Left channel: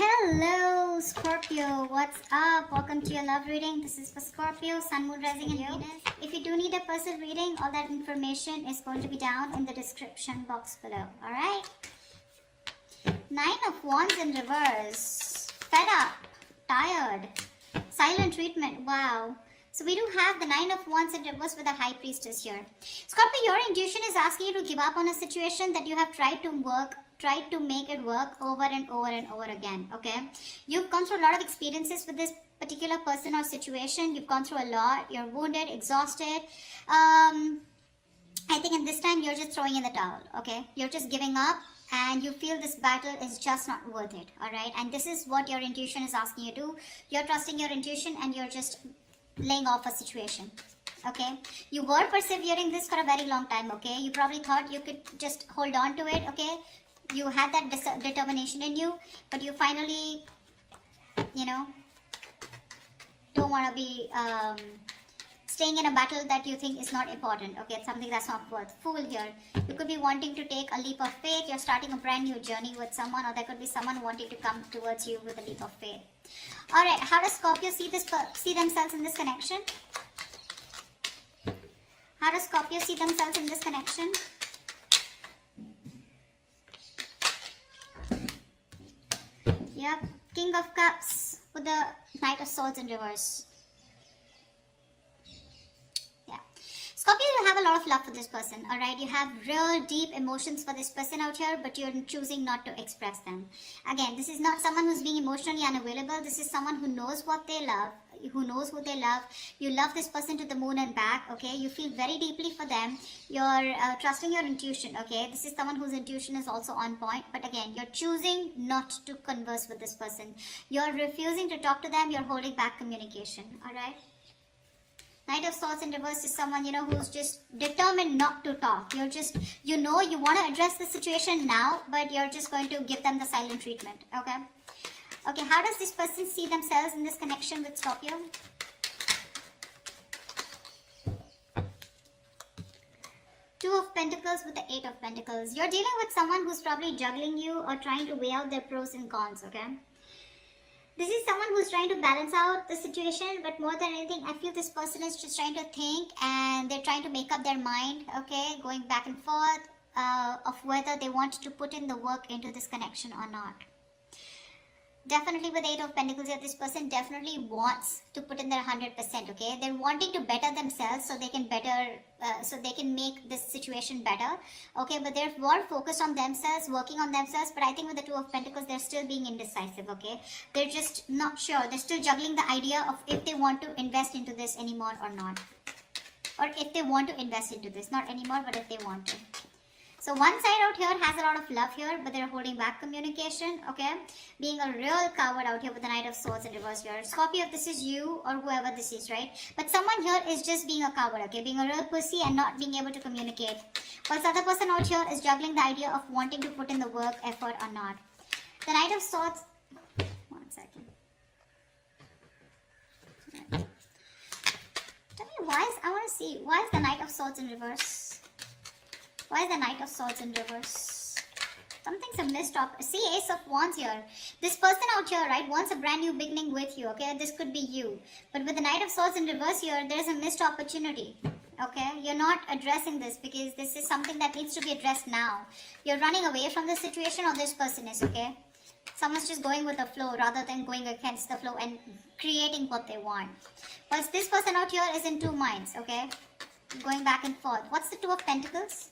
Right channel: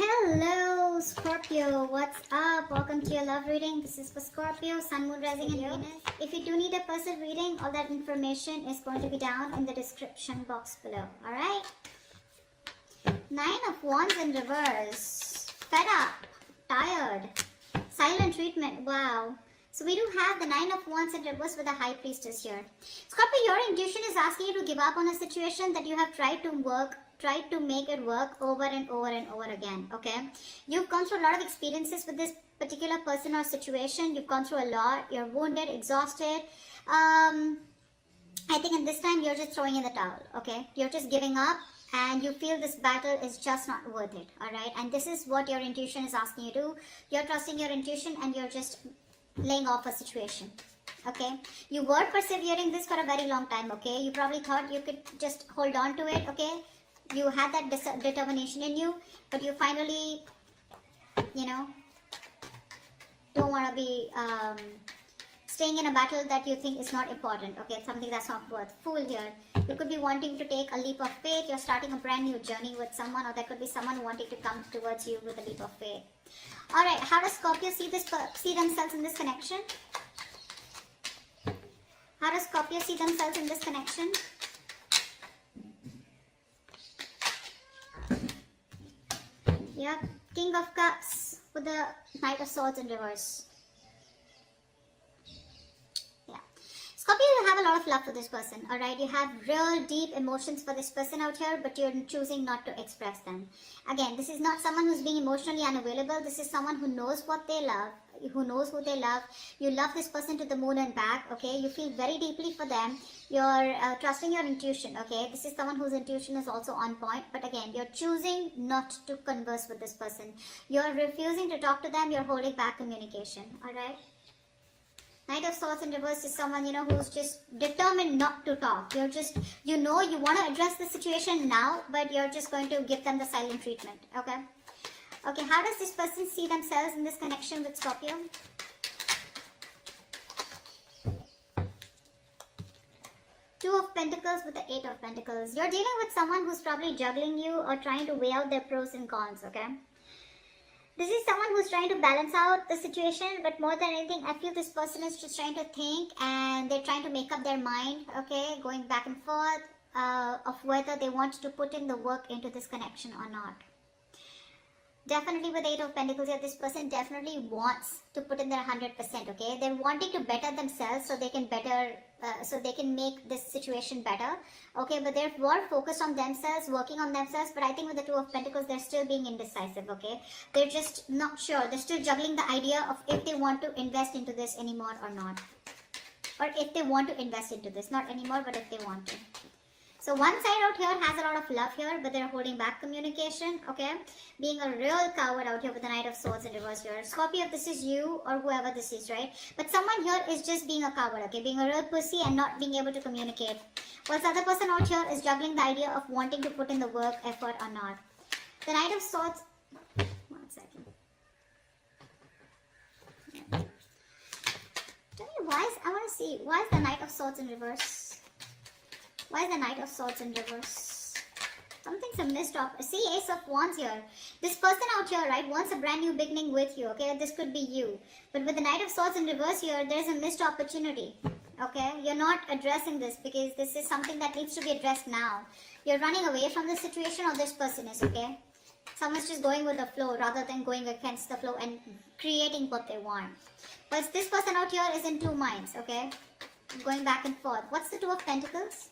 Hello Scorpio, what's up? Welcome to your love reading. This is for Scorpio, Sun, Moon, Rising and Venus. If you do need a personal reading, all that information is going to be down in the description box below. Alright? Nine of Wands in reverse. Fed up, tired, silent treatment. Wow. So we do have the Nine of Wands in reverse with a High Priestess here. Scorpio, your intuition is asking you to give up on a situation that you have tried to make it work over and over and over again. Okay, you've gone through a lot of experiences with this particular person or situation. You've gone through a lot. You're wounded, exhausted. I think in this time you're just throwing in the towel. Okay, you're just giving up and you feel this battle is just not worth it. All right, and this is what your intuition is asking you to do. You're trusting your intuition and you're just laying off a situation. Okay, you were persevering this for a very long time. Okay, you probably thought you could just hold on to it. Okay, you had that determination in you, but you finally, don't want to be staying in a battle that you think is not important. Okay, it's something that's not worth. Fool here. You could be wanting to take a leap of faith. You're starting a brand new journey with someone, or there could be someone wanting to come towards you with a leap of faith. All right, how does Scorpio see themselves in this connection? How does Scorpio see themselves in this connection? Yep, King of Cups with the Knight of Swords in reverse. Yeah. Scorpio, you have a lot of love for this person, alright? You have real deep emotions for this person out here, but you're choosing not to express them. Again, this is not someone who's being emotionally unavailable. This is someone who knows what they love, who knows who they love. You love this person to the moon and back, okay? You feel very deeply for them. You're trusting your intuition, okay? This is someone whose intuition is also on point, but again, you're choosing not to converse with this person. You're refusing to talk to them. You're holding back communication, alright? Knight of Swords in reverse is someone, who's just determined not to talk. You're just, you want to address the situation now, but you're just going to give them the silent treatment, okay? Okay, how does this person see themselves in this connection with Scorpio? Two of Pentacles with the Eight of Pentacles. You're dealing with someone who's probably juggling you or trying to weigh out their pros and cons, okay? This is someone who's trying to balance out the situation, but more than anything, I feel this person is just trying to think and they're trying to make up their mind, okay? Going back and forth of whether they want to put in the work into this connection or not. Definitely with Eight of Pentacles here, this person definitely wants to put in their 100%, okay? They're wanting to better themselves so they can make this situation better, okay? But they're more focused on themselves, working on themselves, but I think with the Two of Pentacles, they're still being indecisive, okay? They're just not sure. They're still juggling the idea of if they want to invest into this anymore or not. Or if they want to invest into this, not anymore, but if they want to. So one side out here has a lot of love here, but they're holding back communication, okay? Being a real coward out here with the Knight of Swords in reverse here. Scorpio, if this is you or whoever this is, right? But someone here is just being a coward, okay? Being a real pussy and not being able to communicate. While the other person out here is juggling the idea of wanting to put in the work, effort or not. The Knight of Swords... One second. Tell me why is the Knight of Swords in reverse? Why is the Knight of Swords in reverse? Something's a missed up. See, Ace of Wands here. This person out here, right, wants a brand new beginning with you, okay? This could be you. But with the Knight of Swords in reverse here, there's a missed opportunity, okay? You're not addressing this because this is something that needs to be addressed now. You're running away from this situation, or this person is, okay? Someone's just going with the flow rather than going against the flow and creating what they want. But this person out here is in two minds, okay? Going back and forth. What's the Two of Pentacles?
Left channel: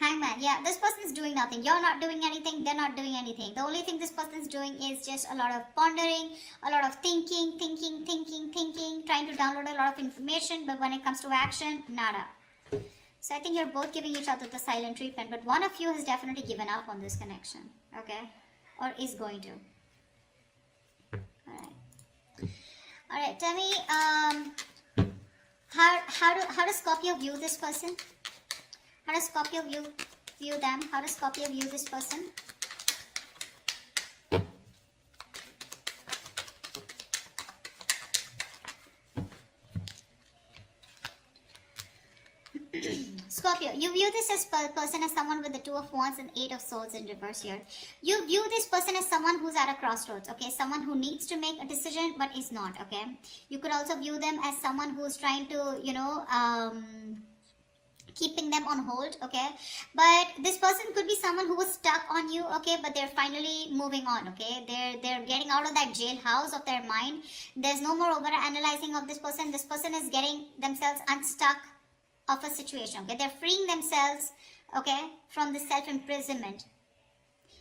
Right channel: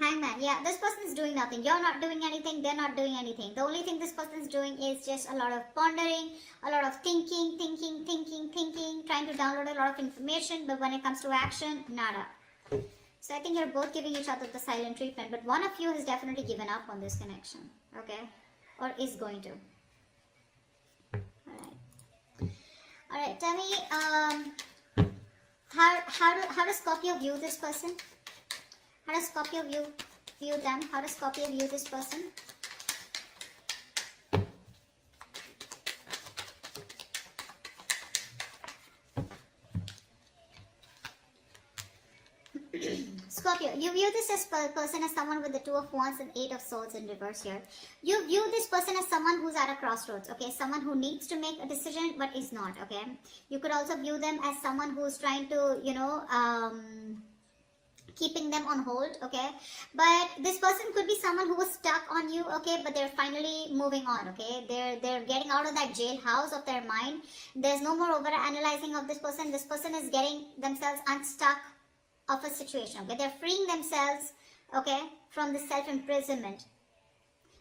Hangman, yeah, this person is doing nothing. You're not doing anything, they're not doing anything. The only thing this person is doing is just a lot of pondering, a lot of thinking, trying to download a lot of information, but when it comes to action, nada. So I think you're both giving each other the silent treatment, but one of you has definitely given up on this connection, okay? Or is going to. Alright, tell me, how does Scorpio view this person? How does Scorpio view them? How does Scorpio view this person? Scorpio, you view view this person as someone with the Two of Wands and Eight of Swords in reverse here. You view this person as someone who's at a crossroads, okay? Someone who needs to make a decision but is not, okay? You could also view them as someone who's trying to, keeping them on hold, okay? But this person could be someone who was stuck on you, okay? But they're finally moving on, okay? They're getting out of that jailhouse of their mind. There's no more over analyzing of this person. This person is getting themselves unstuck of a situation, okay? They're freeing themselves, okay, from the self-imprisonment.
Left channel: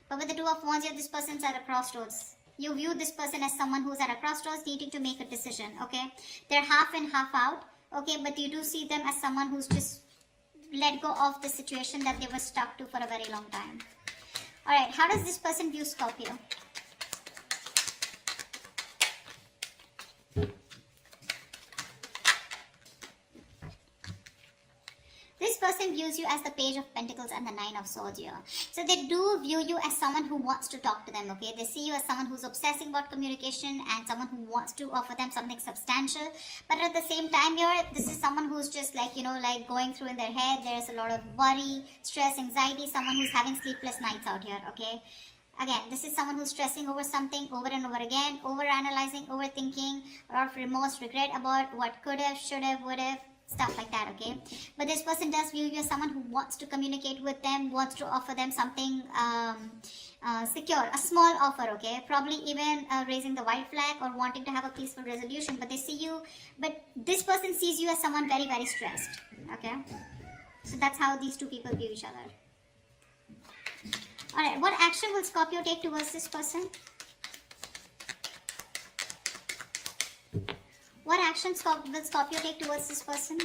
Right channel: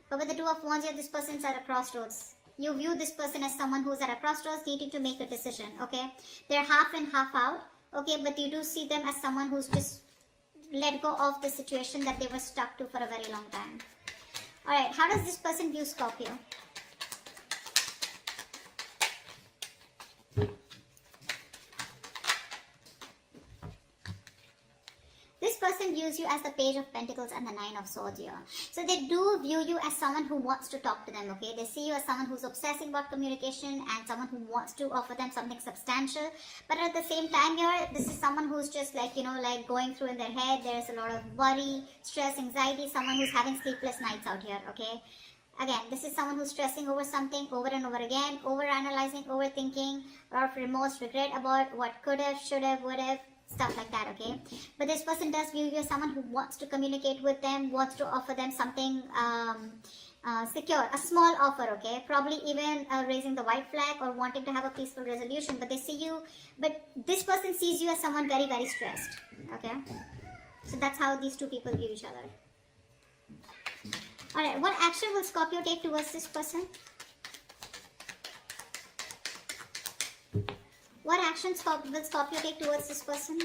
But with the Two of Wands here, this person's at a crossroads. You view this person as someone who's at a crossroads needing to make a decision, okay? They're half in, half out, okay? But you do see them as someone who's just let go of the situation that they were stuck to for a very long time. Alright, how does this person view Scorpio? This person views you as the Page of Pentacles and the Nine of Swords here. So they do view you as someone who wants to talk to them, okay? They see you as someone who's obsessing about communication and someone who wants to offer them something substantial. But at the same time here, this is someone who's just like, going through in their head. There's a lot of worry, stress, anxiety, someone who's having sleepless nights out here, okay? Again, this is someone who's stressing over something over and over again, over-analyzing, overthinking, or of remorse, regret about what could have, should have, would have, stuff like that, okay? But this person does view you as someone who wants to communicate with them, wants to offer them something secure, a small offer, okay? Probably even raising the white flag or wanting to have a peaceful resolution. But they see you, but this person sees you as someone very, very stressed, okay? So that's how these two people view each other. Alright, what action will Scorpio take towards this person? What action will Scorpio take towards this person?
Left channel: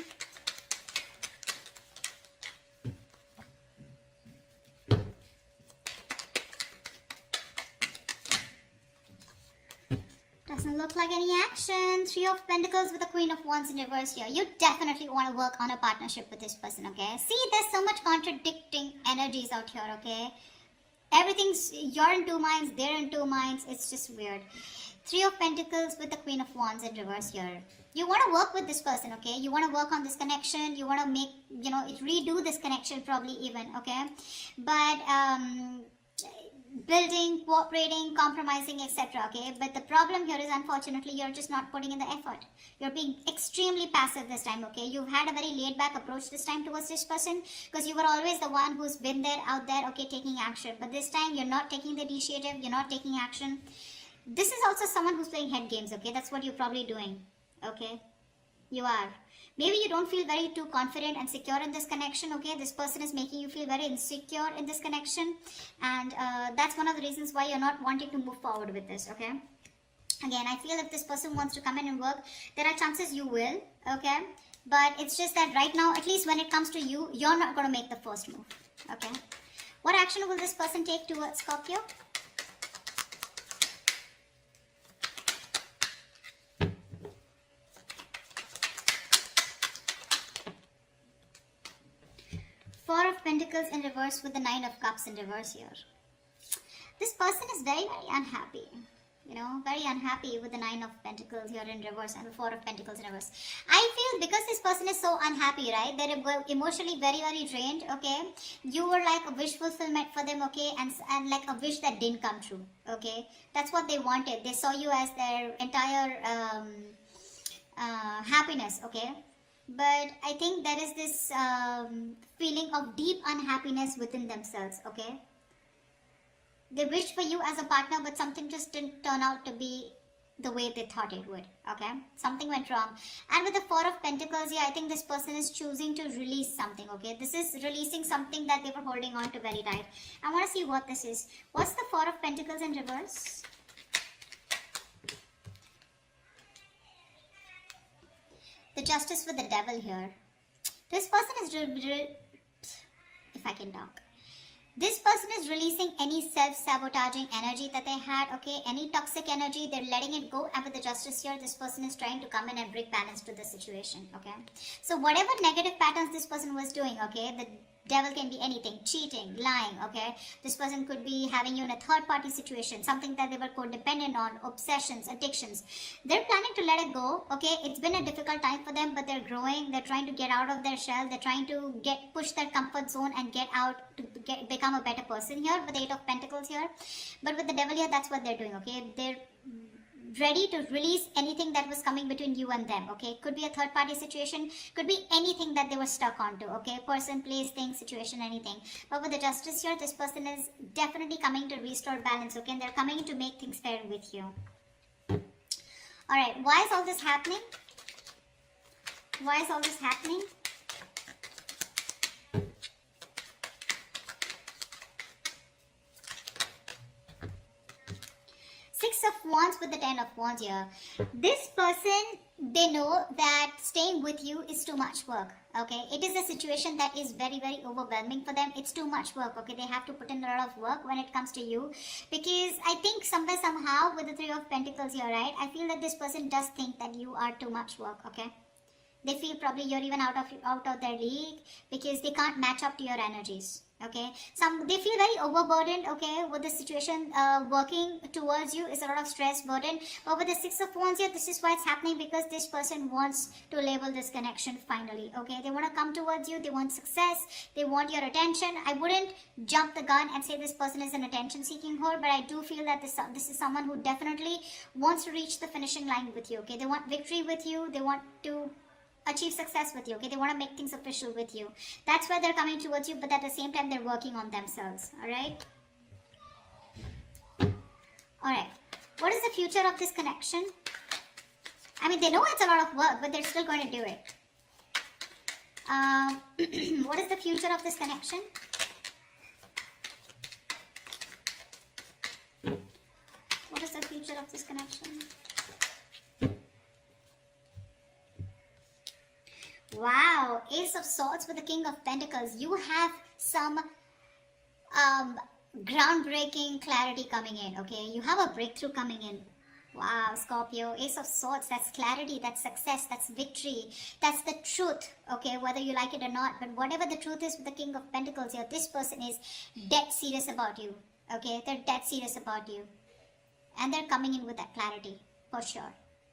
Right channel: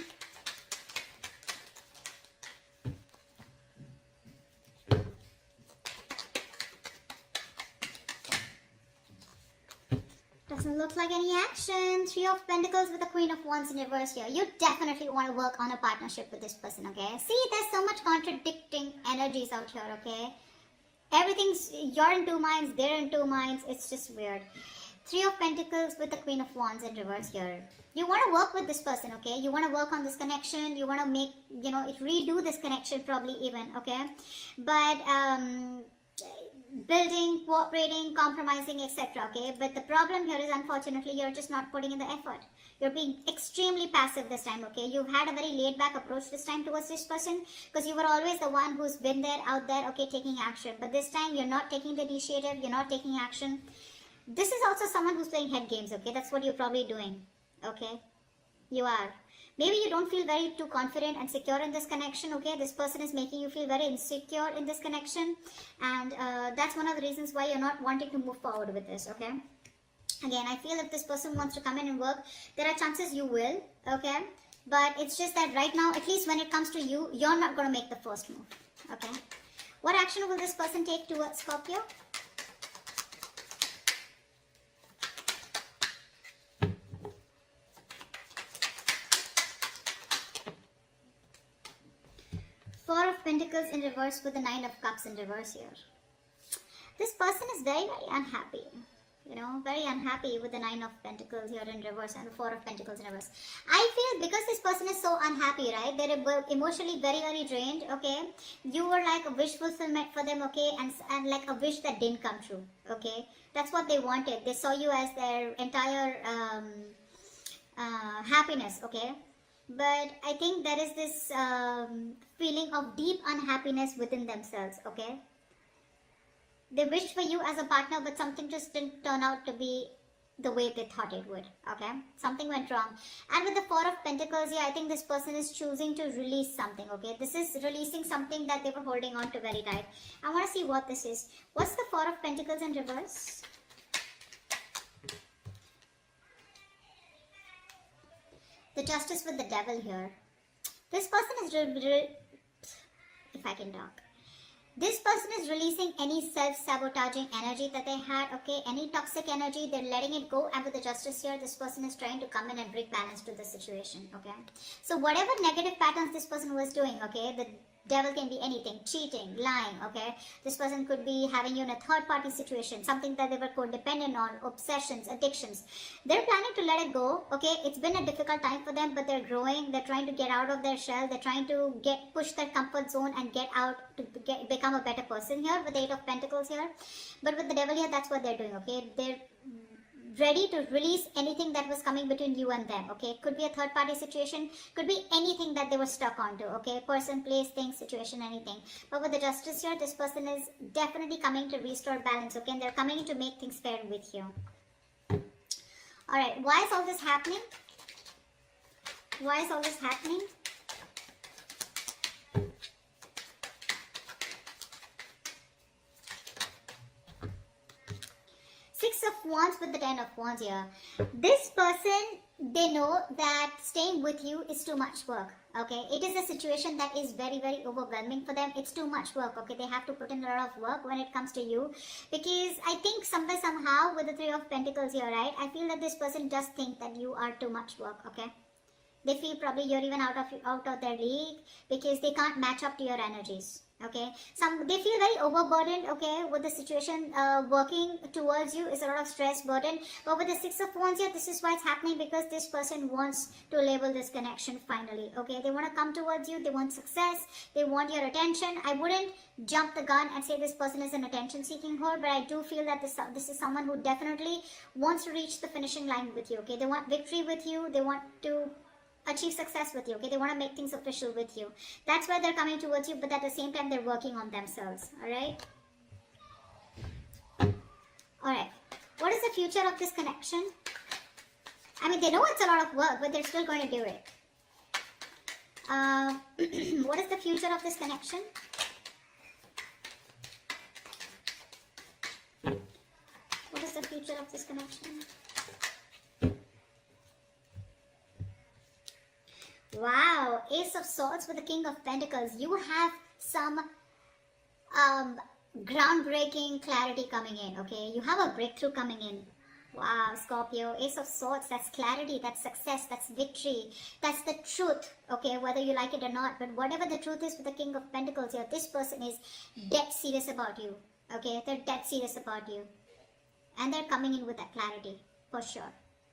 Doesn't look like any action. Three of Pentacles with the Queen of Wands in reverse here. You definitely want to work on a partnership with this person, okay? See, there's so much contradicting energies out here, okay? Everything's, you're in two minds, they're in two minds. It's just weird. Three of Pentacles with the Queen of Wands in reverse here. You want to work with this person, okay? You want to work on this connection. You want to make, redo this connection probably even, okay? But building, cooperating, compromising, etc., okay? But the problem here is, unfortunately, you're just not putting in the effort. You're being extremely passive this time, okay? You've had a very laid-back approach this time towards this person because you were always the one who's been there, out there, okay, taking action. But this time, you're not taking the initiative. You're not taking action. This is also someone who's playing head games, okay? That's what you're probably doing, okay? You are. Maybe you don't feel very too confident and secure in this connection, okay? This person is making you feel very insecure in this connection. And that's one of the reasons why you're not wanting to move forward with this, okay? Again, I feel if this person wants to come in and work, there are chances you will, okay? But it's just that right now, at least when it comes to you, you're not going to make the first move, okay? What action will this person take towards Scorpio? Four of Pentacles in reverse with the Nine of Cups in reverse here. This person is very, very unhappy. Very unhappy with the Nine of Pentacles here in reverse and the Four of Pentacles in reverse. I feel because this person is so unhappy, right? They're emotionally very, very drained, okay? You were like a wish fulfillment for them, okay? And like a wish that didn't come true, okay? That's what they wanted. They saw you as their entire happiness, okay? But I think there is this feeling of deep unhappiness within themselves, okay? They wished for you as a partner, but something just didn't turn out to be the way they thought it would, okay? Something went wrong. And with the Four of Pentacles here, I think this person is choosing to release something, okay? This is releasing something that they were holding on to very tight. I want to see what this is. What's the Four of Pentacles in reverse? The Justice with the Devil here. This person is, if I can talk. This person is releasing any self-sabotaging energy that they had, okay? Any toxic energy, they're letting it go. And with the Justice here, this person is trying to come in and bring balance to the situation, okay? So whatever negative patterns this person was doing, okay? Devil can be anything, cheating, lying, okay? This person could be having you in a third party situation, something that they were codependent on, obsessions, addictions. They're planning to let it go, okay? It's been a difficult time for them, but they're growing. They're trying to get out of their shell. They're trying to push their comfort zone and get out to become a better person here with the Eight of Pentacles here. But with the Devil here, that's what they're doing, okay? They're ready to release anything that was coming between you and them, okay? Could be a third party situation, could be anything that they were stuck onto, okay? Person, place, thing, situation, anything. But with the Justice here, this person is definitely coming to restore balance, okay? And they're coming to make things fair with you. Alright, why is all this happening? Why is all this happening? Wands with the Ten of Wands here. This person, they know that staying with you is too much work, okay? It is a situation that is very, very overwhelming for them. It's too much work, okay? They have to put in a lot of work when it comes to you, because I think somewhere, somehow, with the Three of Pentacles here, right? I feel that this person does think that you are too much work, okay? They feel probably you're even out of their league, because they can't match up to your energies. Okay, they feel very overburdened, okay, with the situation. Working towards you is a lot of stress, burden. But with the Six of Wands here, this is why it's happening, because this person wants to label this connection finally, okay? They want to come towards you, they want success, they want your attention. I wouldn't jump the gun and say this person is an attention-seeking whore, but I do feel that this is someone who definitely wants to reach the finishing line with you, okay? They want victory with you, they want to achieve success with you, okay? They want to make things official with you. That's why they're coming towards you, but at the same time, they're working on themselves, alright? Alright, what is the future of this connection? I mean, they know it's a lot of work, but they're still going to do it. What is the future of this connection? What is the future of this connection? Wow, Ace of Swords with the King of Pentacles. You have some groundbreaking clarity coming in, okay? You have a breakthrough coming in. Wow, Scorpio, Ace of Swords, that's clarity, that's success, that's victory, that's the truth, okay? Whether you like it or not, but whatever the truth is with the King of Pentacles here, this person is dead serious about you, okay? They're dead serious about you. And they're coming in with that clarity, for sure.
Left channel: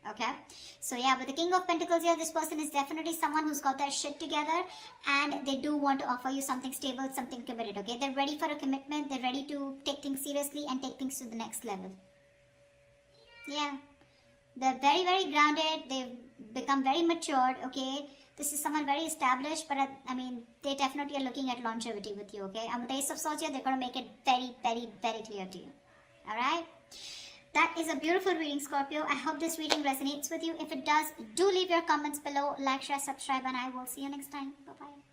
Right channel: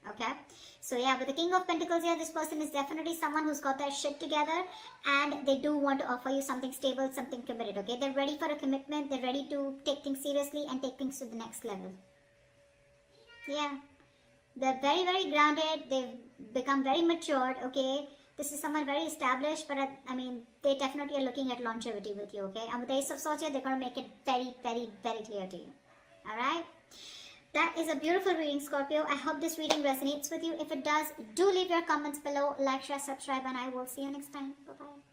Okay, so yeah, with the King of Pentacles here, this person is definitely someone who's got their shit together, and they do want to offer you something stable, something committed, okay? They're ready for a commitment, they're ready to take things seriously and take things to the next level. Yeah, they're very, very grounded, they've become very matured, okay? This is someone very established, but I mean, they definitely are looking at longevity with you, okay? And with the Ace of Swords here, they're going to make it very, very, very clear to you, alright? That is a beautiful reading, Scorpio. I hope this reading resonates with you. If it does, do leave your comments below, like, share, subscribe, and I will see you next time. Bye-bye.